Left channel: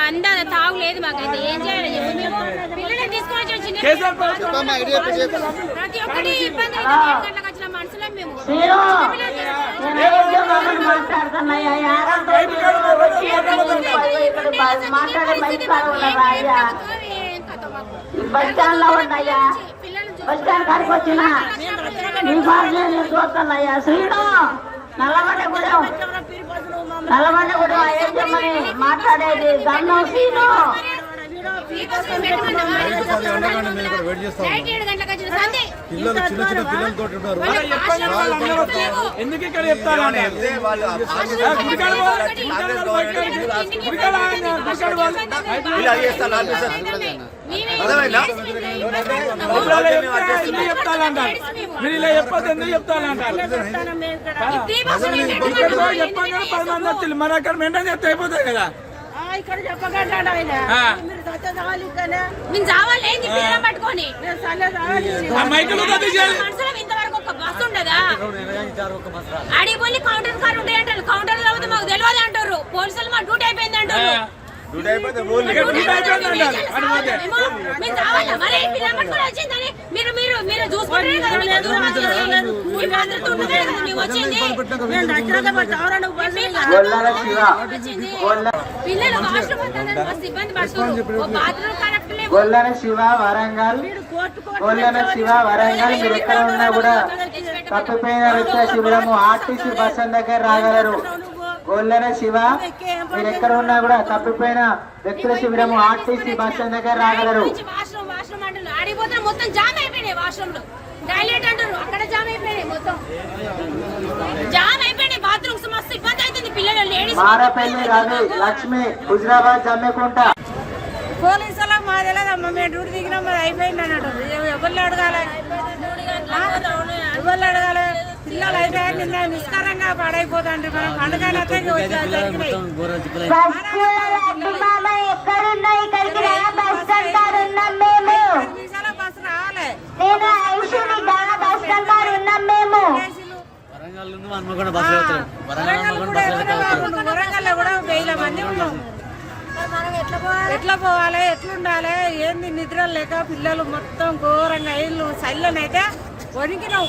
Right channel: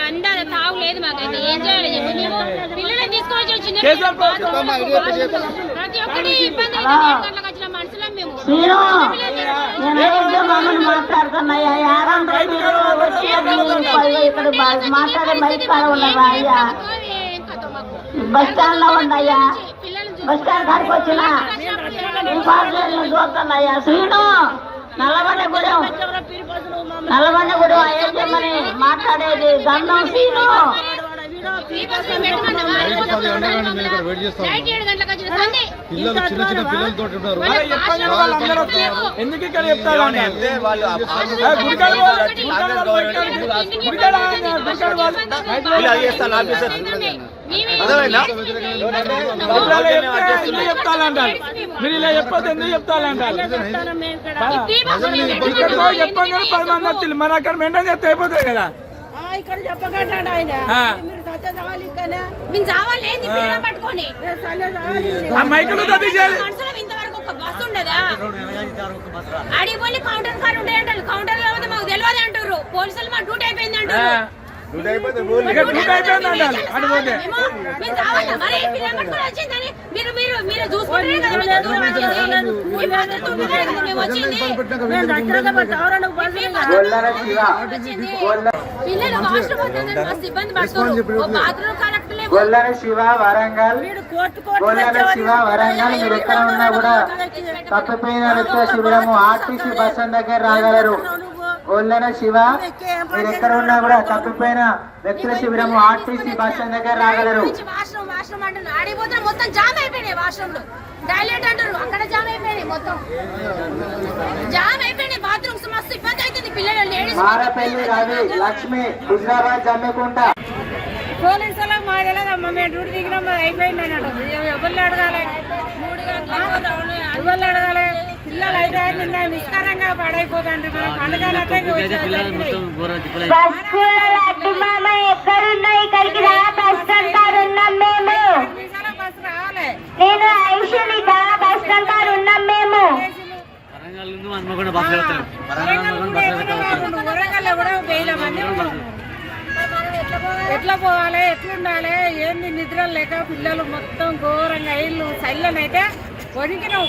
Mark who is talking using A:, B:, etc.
A: అందాల తావు లేదు మాకైతే ఏం చేయాలి చెప్పు మేము చిన్న ప్రతి ఒక్కటి ఇబ్బంది అయితే గంటలకు వచ్చిన మనుషులం మేము
B: బస్ స్టాండ్లో ఉన్నాయా బస్ స్టాండ్ కాడికి వచ్చినా ఈ సార్లు చూస్తున్నాయా శ్రీను నల్లగొండగూడెం నల్లగొండగూడెం అయ్యమ్మని మాట్లాడేది గన్నం శ్రీను
A: నైట్ ఏడు గంటలకు వచ్చిన సంధి
C: పిల్లలు చిన్న చిన్న పిల్లలతో ఉన్నారు.
D: మీరు ఇలా చెప్పొద్దు ఎందుకు పోయి చెప్పండి మన అక్కడ మెంటల్ చెప్తే అయిపోతుంది కదా.
E: ఇక్కడ ఆయన. మీరు సత్త కావాలి ఇక్కడ
A: మేము చావాలి ఏంది పిల్లలు పట్టుకొని? మనుషులం ఇంతవరకు ఒక బస్సు ఉండదా? పోయి కౌంటర్ కార్ ఉండే అంటారు కౌంటర్లో పోతే మాకు తెలియదు అంటారు. పోలీసులు మా డ్యూటీ అయిపోయింది అంటారు.
F: డ్యూటీ అయిపోతే
A: మరి మీ వచ్చింది. పిల్లలు వాష్రూమ్ మస్తు ఇబ్బంది పడుతున్నారు ఓ బాత్రూమ్ కరెక్ట్ లేవు.
G: శివ వరంగల్. గొల్లల శివ వరంగల్. మీరు ఎక్కడ ఉన్నా కూడా తప్పిపోయిన నిత్య శిబిరము ఆర్టీసీ బస్ స్టాండ్ దగ్గర రాగలరు. గొల్లల శివ? మీరు ఎక్కడ ఉన్నా కూడా తప్పిపోయిన వ్యక్తుల శిబిరము ఆర్టీసీ బస్ స్టాండ్ దగ్గర రాగలరు.
A: వాష్రూమ్ వాష్రూమ్ అంటున్నారు. ఆడిపోతే మొత్తం జామ్ అయిపోయినాయి వాష్రూమ్లో టాయిలెట్ అంటారు అక్కడ జామ్ అయిపోయినాయి మొత్తం. జామ్ అయిపోయినాయి. బాత్రూమ్స్ మస్తు ఇబ్బంది అవుతుంది పిల్లలు లేడీస్
G: మారపల్లి రవి లక్ష్మి హుజరాబాద్ జమ్మికుంట
E: పోలీసులకు మా తెలియదమ్మా మేము డ్యూటీ దిగినాం అయిపోయింది అన్నట్టు అడగాలి పిల్లలు అయితే నిన్న నిష్కారంగా పడైపోతాండ్రి మనం పండుగలతో జరిగినాయి
B: బస్సు అడ్డుమామ ఎక్కడున్నాయి ఇక్కడికి
E: బస్సు వరంగల్లో కూడా వేల మంది ఉన్నాం. ఎట్లా పోవాలి? ఎట్లుండాలి? ఏంది నిద్ర లేక పిల్లలు మొత్తం ఘోరంగా ఇల్లు చల్లనైతే వణికినాం.